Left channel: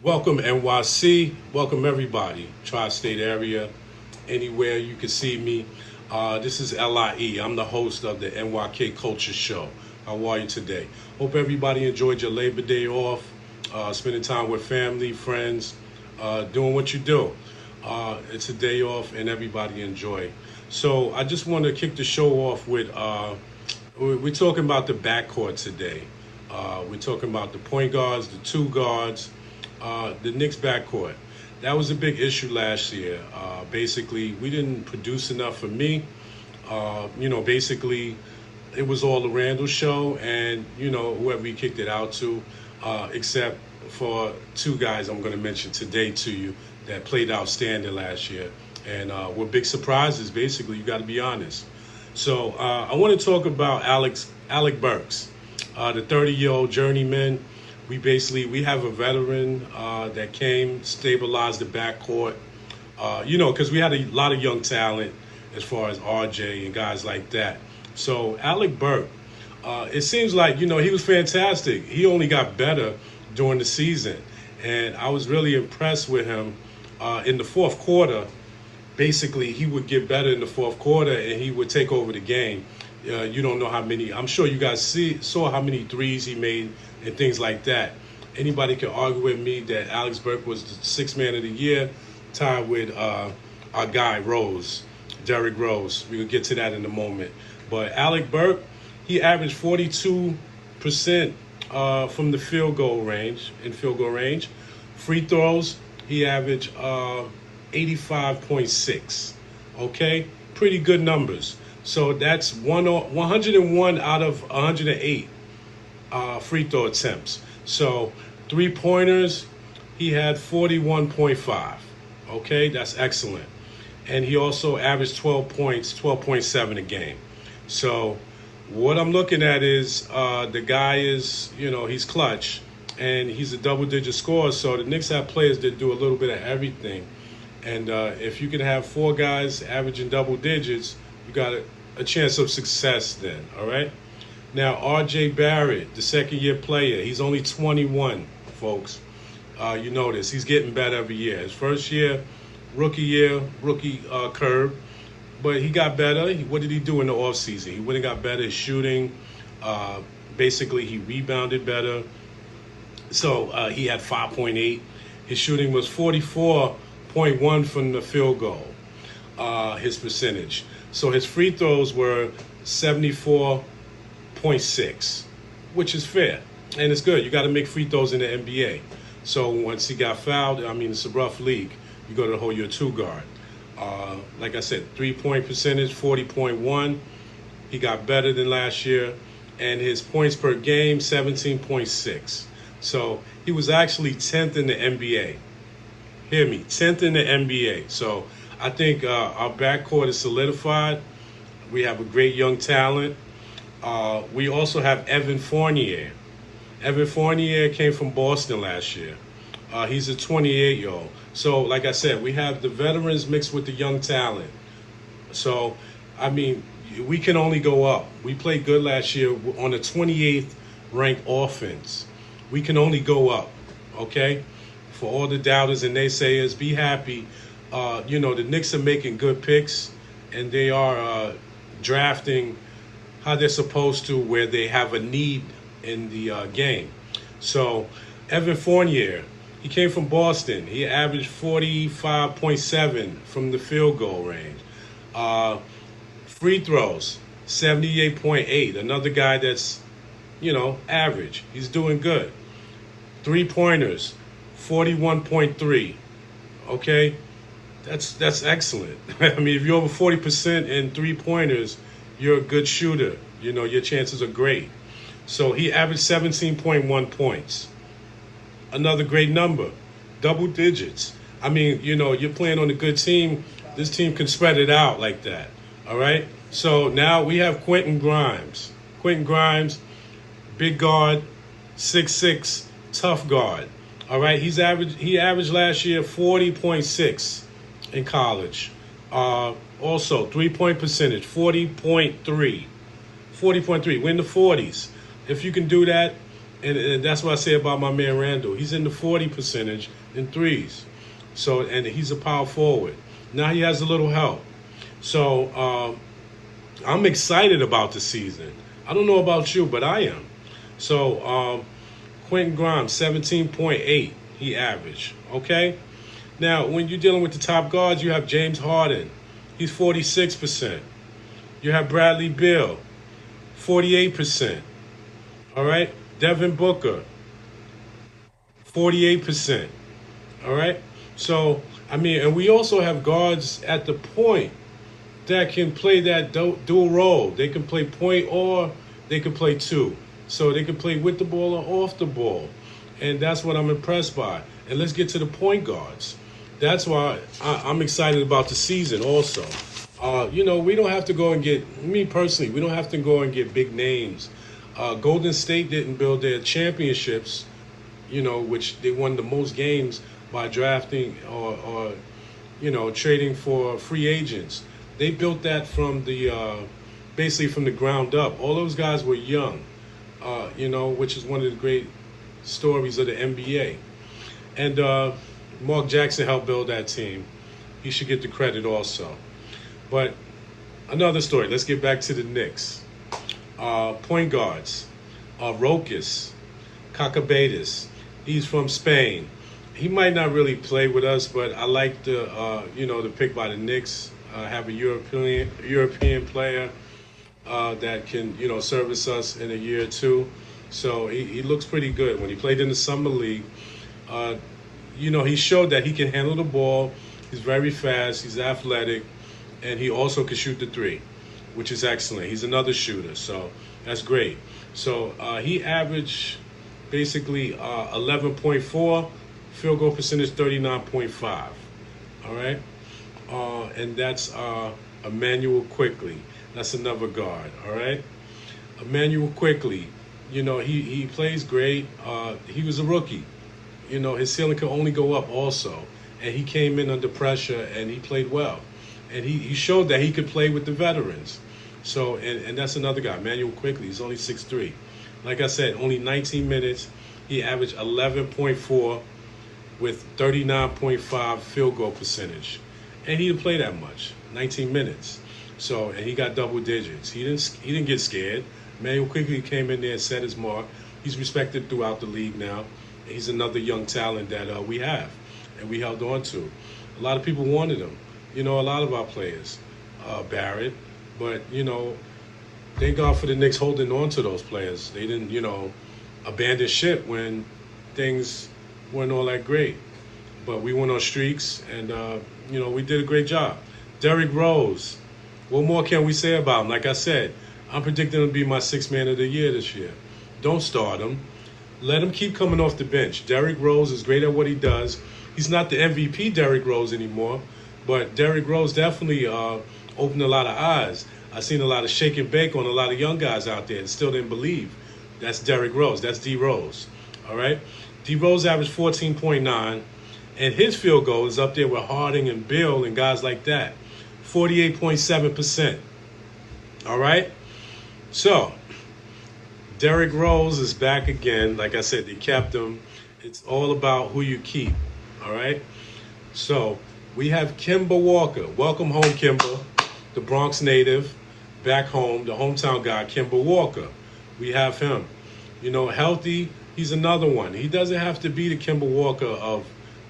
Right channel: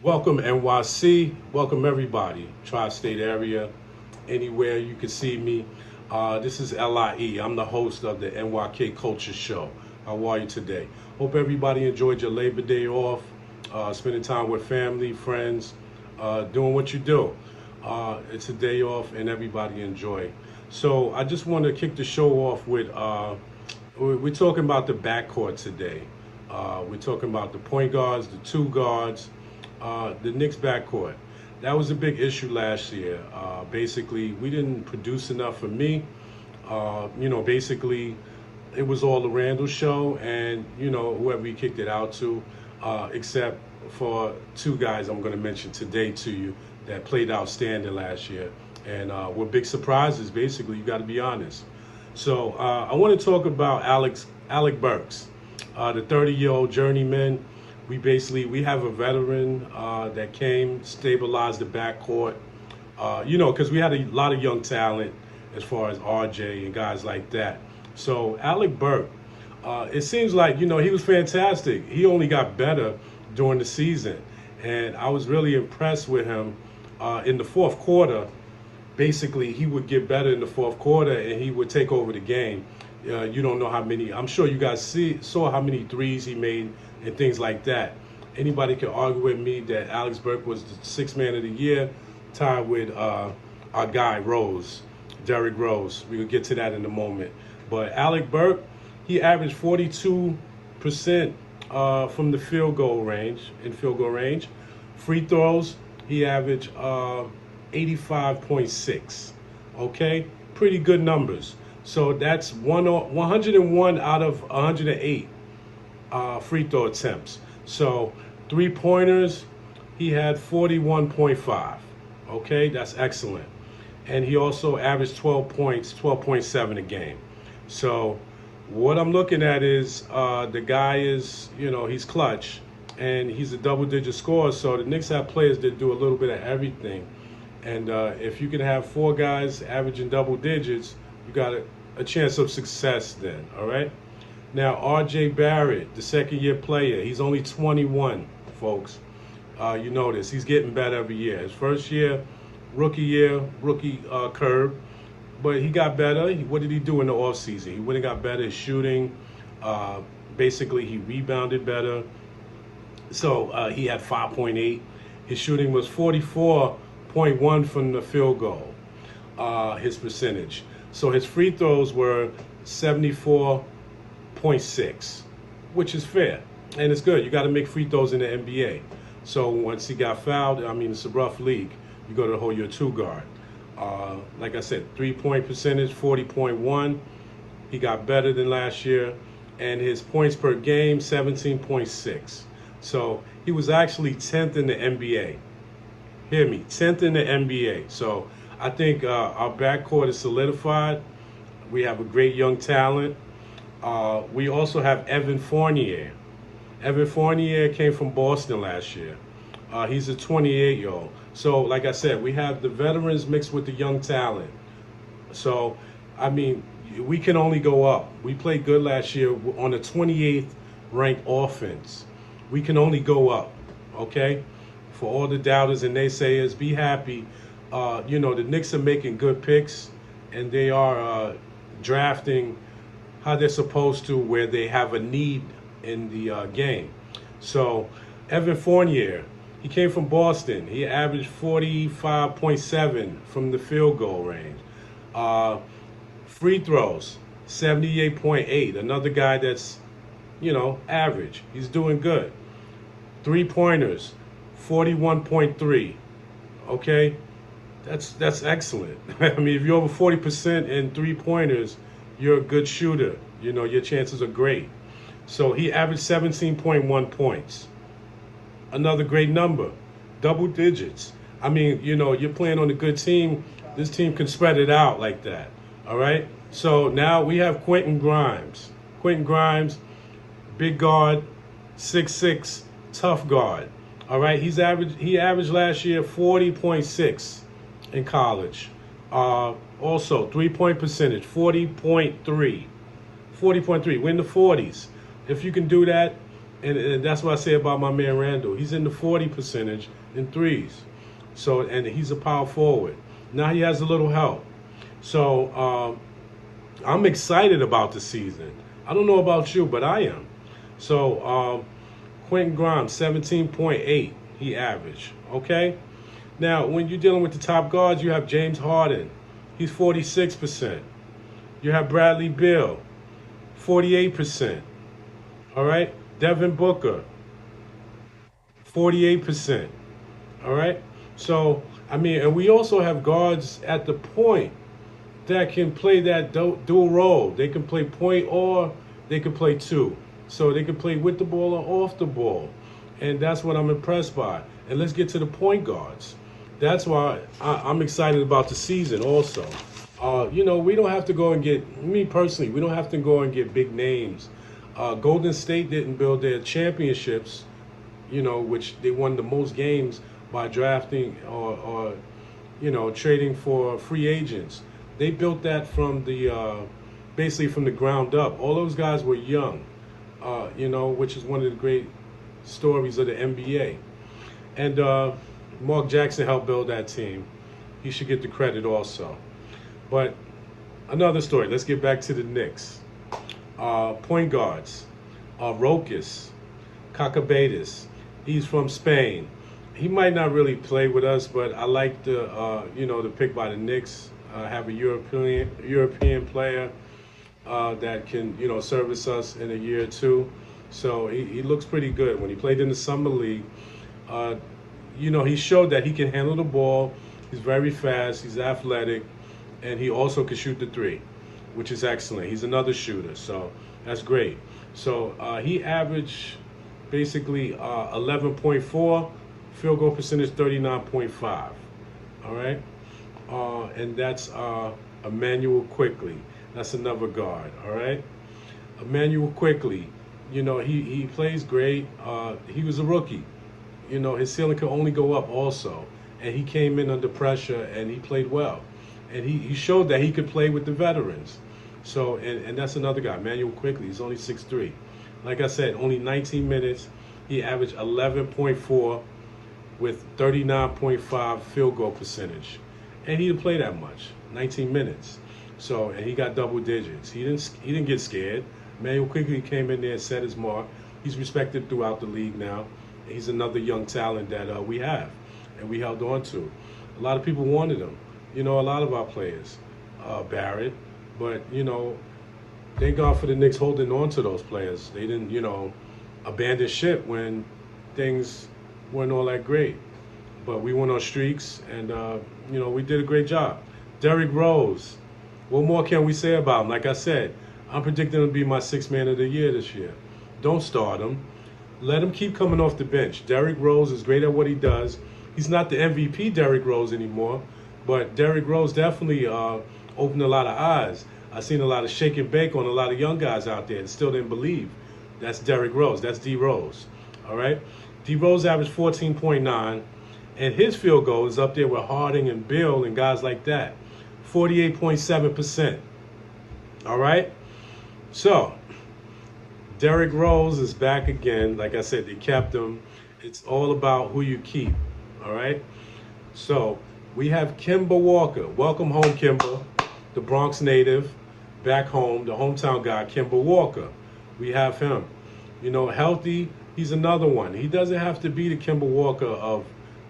Welcome NYC, welcome everybody, tri-state area, anywhere you can see me. This is LIE, I'm the host of the N.Y.K Culture Show. How are you today? Hope everybody enjoyed your Labor Day off, spending time with family, friends, doing what you do. It's a day off and everybody enjoy. So I just want to kick the show off with, we're talking about the backcourt today. We're talking about the point guards, the two guards, the Knicks backcourt. That was a big issue last year. Basically, we didn't produce enough for me. Basically, it was all the Randall show and, whoever he kicked it out to, except for two guys I'm going to mention today to you that played outstanding last year and were big surprises, basically, you got to be honest. So I want to talk about Alec Burks, the 30-year-old journeyman. We have a veteran that came, stabilized the backcourt, because we had a lot of young talent as far as RJ and guys like that. So Alec Burke, it seems like, he was fantastic. He only got better during the season. And I was really impressed with him in the fourth quarter. Basically, he would get better in the fourth quarter and he would take over the game. You don't know how many, I'm sure you guys saw how many threes he made and things like that. Anybody can argue with me that Alex Burke was the sixth man of the year, tied with our guy Rose, Derrick Rose. We'll get to that in a moment. But Alec Burke, he averaged 42% from the field goal range. Free throws, he averaged 85.6. Okay, pretty good numbers. So that's 101 out of 108 free throw attempts. So three-pointers, he had 41.5. Okay, that's excellent. And he also averaged 12 points, 12.7 a game. So what I'm looking at is the guy is, he's clutch, and he's a double-digit scorer. So the Knicks have players that do a little bit of everything. And if you can have four guys averaging double digits, you got a chance of success then, all right? Now, R.J. Barrett, the second-year player, he's only 21, folks. You notice he's getting better every year. His first year, rookie curve, but he got better. What did he do in the offseason? He went and got better at shooting. Basically, he rebounded better. So he had 5.8. His shooting was 44.1 from the field goal, his percentage. So his free throws were 74.6, which is fair. And it's good. You got to make free throws in the NBA. So once he got fouled, it's a rough league. You got to hold your two guard. Like I said, 3-point percentage, 40.1. He got better than last year. And his points per game, 17.6. So he was actually 10th in the NBA. Hear me, 10th in the NBA. So I think our backcourt is solidified. We have a great young talent. We also have Evan Fournier. Evan Fournier came from Boston last year. He's a 28-year-old. So, like I said, we have the veterans mixed with the young talent. So, we can only go up. We played good last year on the 28th ranked offense. We can only go up, okay? For all the doubters and naysayers, be happy. The Knicks are making good picks, and they are drafting how they're supposed to, where they have a need in the game. So, Evan Fournier, he came from Boston. He averaged 45.7 from the field goal range. Free throws, 78.8. Another guy that's, average. He's doing good. Three-pointers, 41.3. Okay? That's excellent. If you're over 40% in three-pointers, you're a good shooter. Your chances are great. So he averaged 17.1 points. Another great number. Double digits. You're playing on a good team. This team can spread it out like that. All right? So now we have Quentin Grimes. Quentin Grimes, big guard, 6'6", tough guard. All right? He averaged last year 40.6 in college. Also, three-point percentage, 40.3. 40.3. We're in the 40s. If you can do that, And that's what I say about my man Randall. He's in the 40 percentage in threes. So, and he's a power forward. Now he has a little help. So I'm excited about the season. I don't know about you, but I am. So Quentin Graham, 17.8, he averaged. Okay? Now, when you're dealing with the top guards, you have James Harden. He's 46%. You have Bradley Beal, 48%. All right? Devin Booker, 48%. All right? So, I mean, and we also have guards at the point that can play that dual role. They can play point or they can play two. So they can play with the ball or off the ball. And that's what I'm impressed by. And let's get to the point guards. That's why I'm excited about the season also. You know, we don't have to go and get, me personally, we don't have to go and get big names. Golden State didn't build their championships, you know, which they won the most games by drafting or you know, trading for free agents. They built that from the, basically from the ground up. All those guys were young, you know, which is one of the great stories of the NBA. And Mark Jackson helped build that team. He should get the credit also. But another story. Let's get back to the Knicks. Point guards. Rokas, Cacabetis. He's from Spain. He might not really play with us, but I like the you know, the pick by the Knicks. Have a European player that can, you know, service us in a year or two. So he looks pretty good. When he played in the summer league, you know, he showed that he can handle the ball. He's very fast. He's athletic, and he also can shoot the three, which is excellent. He's another shooter, so that's great. So he averaged basically 11.4, field goal percentage 39.5. All right, and that's Emmanuel Quickly. That's another guard. All right, Emmanuel Quickly. You know, he plays great. He was a rookie. You know, his ceiling could only go up also. And he came in under pressure and he played well. And he showed that he could play with the veterans. So, and that's another guy, Emmanuel Quickly. He's only 6'3". Like I said, only 19 minutes. He averaged 11.4 with 39.5 field goal percentage. And he didn't play that much, 19 minutes. So, and he got double digits. He didn't get scared. Emmanuel Quickly came in there and set his mark. He's respected throughout the league now. He's another young talent that we have and we held on to. A lot of people wanted him. You know, a lot of our players, Barrett. But, you know, thank God for the Knicks holding on to those players. They didn't, you know, abandon ship when things weren't all that great. But we went on streaks and, you know, we did a great job. Derrick Rose, what more can we say about him? Like I said, I'm predicting him to be my sixth man of the year this year. Don't start him. Let him keep coming off the bench. Derrick Rose is great at what he does. He's not the MVP Derrick Rose anymore, but Derrick Rose definitely opened a lot of eyes. I've seen a lot of shake and bake on a lot of young guys out there and still didn't believe. That's Derrick Rose. That's D Rose. All right? D Rose averaged 14.9, and his field goal is up there with Harding and Bill and guys like that. 48.7%. All right? So, Derrick Rose is back again. Like I said, they kept him. It's all about who you keep, all right? So, we have Kemba Walker. Welcome home, Kemba, the Bronx native, back home, the hometown guy, Kemba Walker. We have him. You know, healthy, he's another one. He doesn't have to be the Kemba Walker of,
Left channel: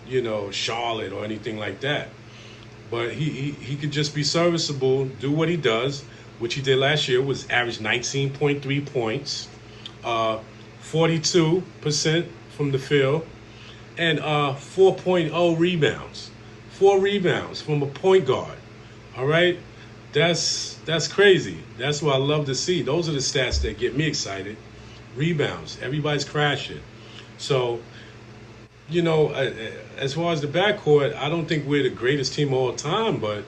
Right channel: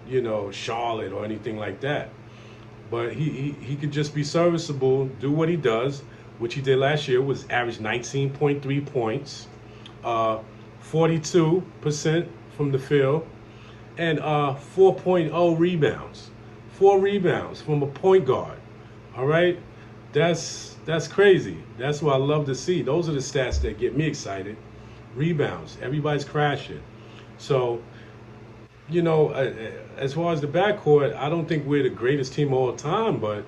you know, Charlotte or anything like that. But he could just be serviceable, do what he does, which he did last year, was average 19.3 points. 42% from the field, and 4.0 rebounds. 4 rebounds from a point guard. All right, that's crazy. That's what I love to see. Those are the stats that get me excited. Rebounds. Everybody's crashing. So, you know, as far as the backcourt, I don't think we're the greatest team of all time, but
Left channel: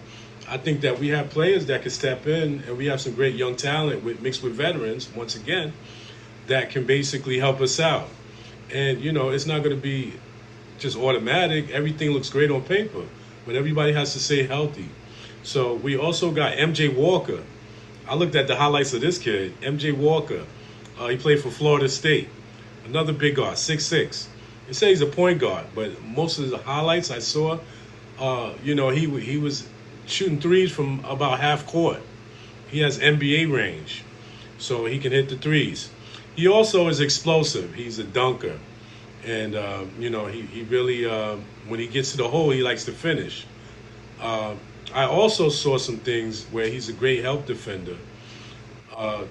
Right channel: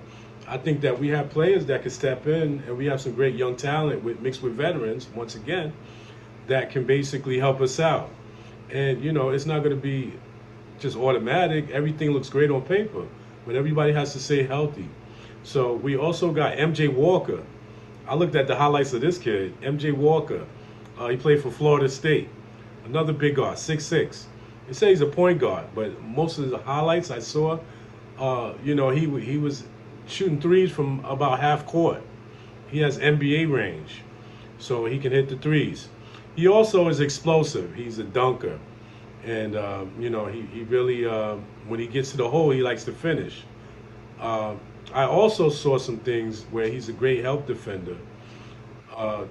I think that we have players that can step in, and we have some great young talent mixed with veterans, once again, that can basically help us out. And, you know, it's not going to be just automatic. Everything looks great on paper, but everybody has to stay healthy. So we also got M.J. Walker. I looked at the highlights of this kid, M.J. Walker. He played for Florida State. another big guard, 6'6". They say he's a point guard, but most of the highlights I saw, he was shooting threes from about half court. He has NBA range, so he can hit the threes. He also is explosive. He's a dunker, and he really when he gets to the hole, he likes to finish. I also saw some things where he's a great help defender.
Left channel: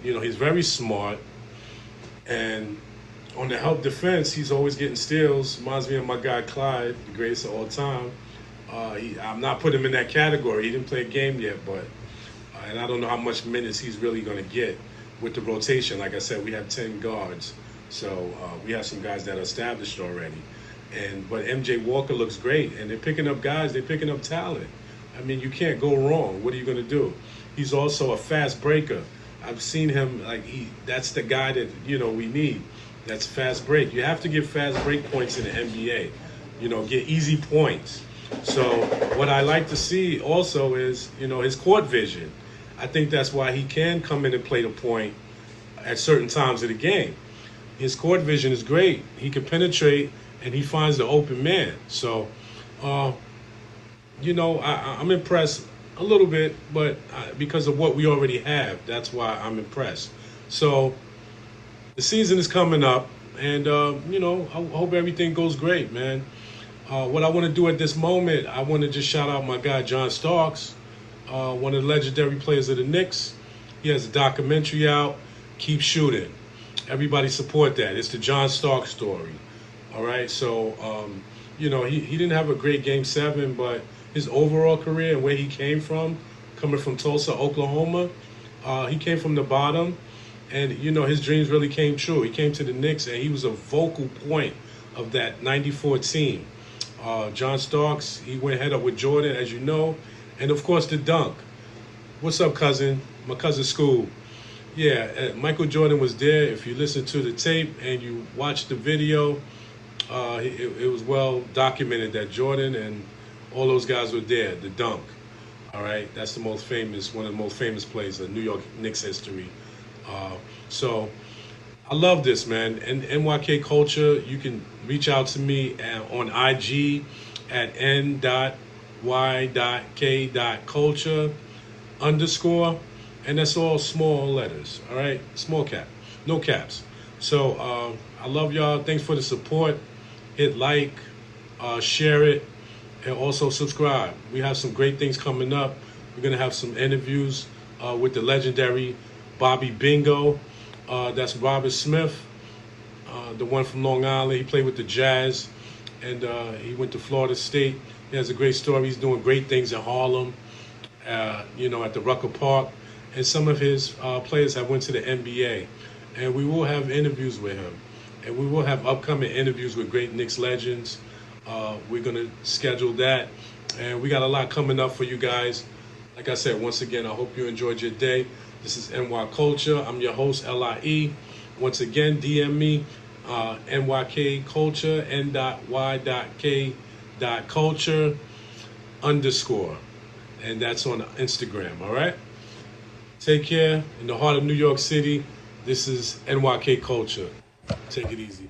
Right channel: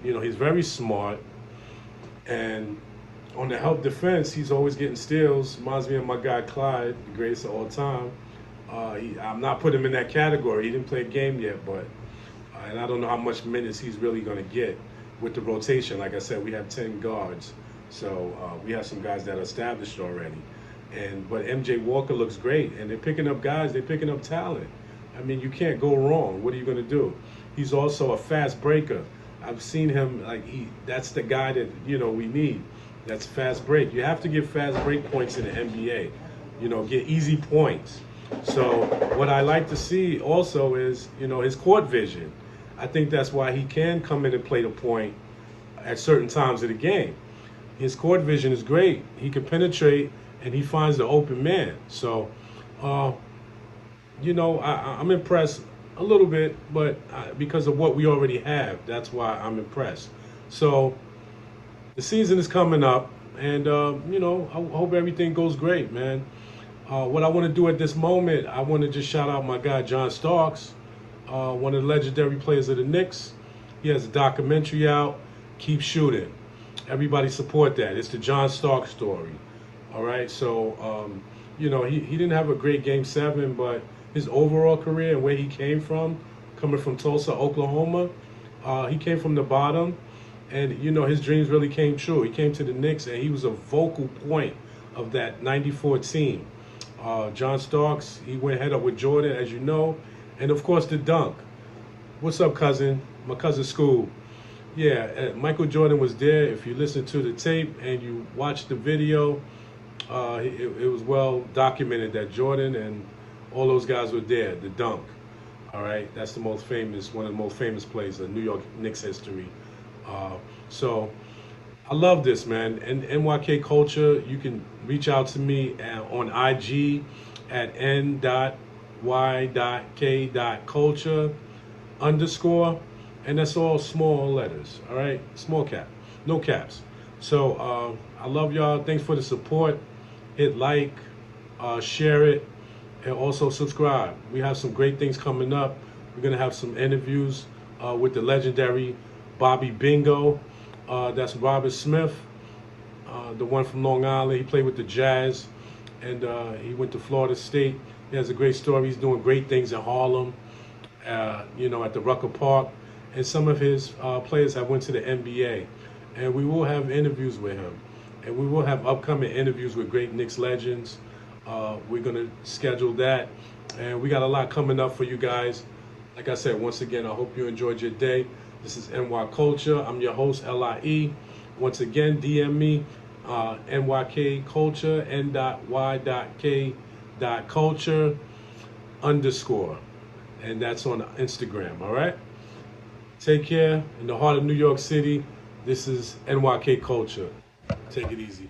He's very smart, and on the help defense, he's always getting steals. Reminds me of my guy Clyde, the greatest of all time. I'm not putting him in that category. He didn't play a game yet, but and I don't know how much minutes he's really going to get with the rotation. Like I said, we have 10 guards, so we have some guys that are established already. But M.J. Walker looks great, and they're picking up guys. They're picking up talent. I mean, you can't go wrong. What are you going to do? He's also a fast breaker. I've seen him that's the guy that we need. That's fast break. You have to get fast break points in the NBA. Get easy points. So what I like to see also is his court vision. I think that's why he can come in and play the point at certain times of the game. His court vision is great. He can penetrate and he finds the open man. So, I'm impressed a little bit, but because of what we already have, that's why I'm impressed. So the season is coming up, and I hope everything goes great, man. What I want to do at this moment, I want to just shout out my guy John Starks, one of the legendary players of the Knicks. He has a documentary out, Keep Shooting. Everybody support that. It's the John Starks story. All right, so he didn't have a great Game 7, but his overall career and where he came from, coming from Tulsa, Oklahoma, he came from the bottom, and his dreams really came true. He came to the Knicks, and he was a vocal point of that '94 team. John Starks, he went head up with Jordan, as you know, and of course the dunk. What's up, cousin? My cousin Scoob. Yeah, Michael Jordan was there. If you listen to the tape and you watch the video, it was well documented that Jordan and all those guys were there. The dunk. All right, that's one of the most famous plays in New York Knicks history. So I love this, man. And N.Y.K. Culture, you can reach out to me on IG at N.Y.K.culture_, and that's all small letters, all right? Small cap, no caps. So I love y'all. Thanks for the support. Hit like, share it, and also subscribe. We have some great things coming up. We're going to have some interviews with the legendary Bobby Bingo. That's Robert Smith, the one from Long Island. He played with the Jazz, and he went to Florida State. He has a great story. He's doing great things in Harlem, at the Rucker Park. And some of his players have went to the NBA. And we will have interviews with him. And we will have upcoming interviews with great Knicks legends. We're going to schedule that. And we got a lot coming up for you guys. Like I said, once again, I hope you enjoyed your day. This is NY Culture. I'm your host, LIE. Once again, DM me, NYK Culture, N.Y.K.culture_. And that's on Instagram, all right? Take care. In the heart of New York City, this is NYK Culture. Take it easy.